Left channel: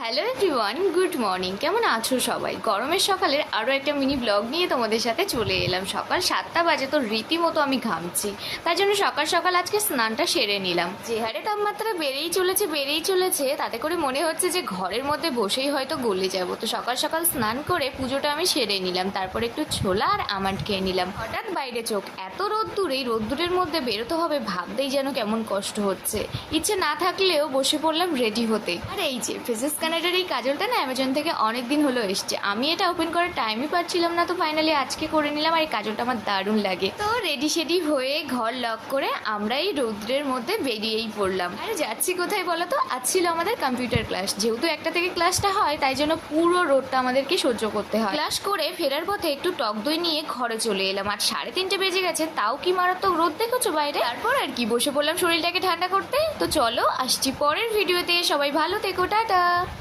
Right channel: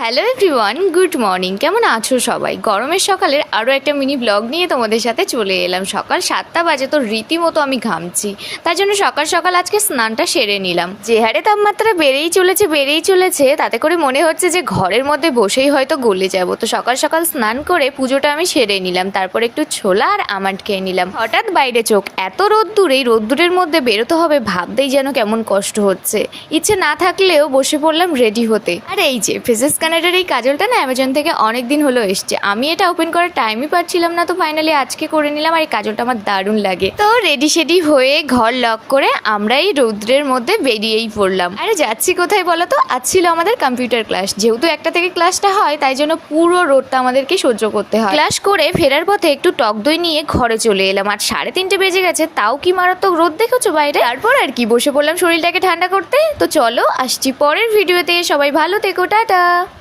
Hello everyone, good morning. কেমন আছো সবাই? গরমের সকালের আরও একটা মিনি ব্লগ নিয়ে তোমাদের সাথে চলে এলাম। সকাল 7টা বাজে, তো রীতিমতো আমি ঘামছি। তাই জন্য সকাল সকাল আজকে স্নানটা সেরে নিলাম। যে হারে তাপমাত্রা বেড়েই চলেছে, তাতে করে মনে হচ্ছে যে ঘরের মধ্যে বসেই হয়তো গলে যাব। তো সকাল সকাল স্নান করে পুজোটা আমি সেরে নিলাম। তারপর একটু ছোলা আর আমন্ড খেয়ে নিলাম। হঠাৎ বাইরে চোখ, এত রোদ্দুর, এই রোদ্দুরের মধ্যে বেরোতে হবে ভাবতেই যেন কেমন কষ্ট হচ্ছে। ইচ্ছে না থাকলেও বসে পড়লাম রেডি হতে। আর এই যে ফেসেস কানেক্টের এই কাজলটা না অ্যামাজন থেকে অনেক দিন হলো এসছে। আমি এটা ওপেন করার টাইমই পাচ্ছিলাম না, তো ফাইনালি আজকে করে নিলাম। আর এই কাজলটা আমার দারুণ লাগে। তো রেডি সেডি হয়ে ঘর লক করে আমরা এই রৌদ্রের মধ্যে বেরিয়েই পড়লাম। আরে যাচ্ছি কোথায় বলো তো? আজ ছিল আমাদের কম্পিউটার ক্লাস। যেহেতু একটা থেকে ক্লাসটা হয়, তাই জন্য পুরো রোদটা আমাদেরকে সহ্য করতে হয়। ক্লাস করে ফেরার পথে একটু টক দই নিয়ে ঘরে চলে এলাম। আর 3:30 বেজে গেছে, তাও কি মারাত্মক রোদ দেখেছো বাইরে। তারপর আর কি বসে পড়লাম শরীরটাকে ঠান্ডা করতে। তো চলো আসছি পরের ভিডিওতে। সবাই ভালো থেকো, টাটা।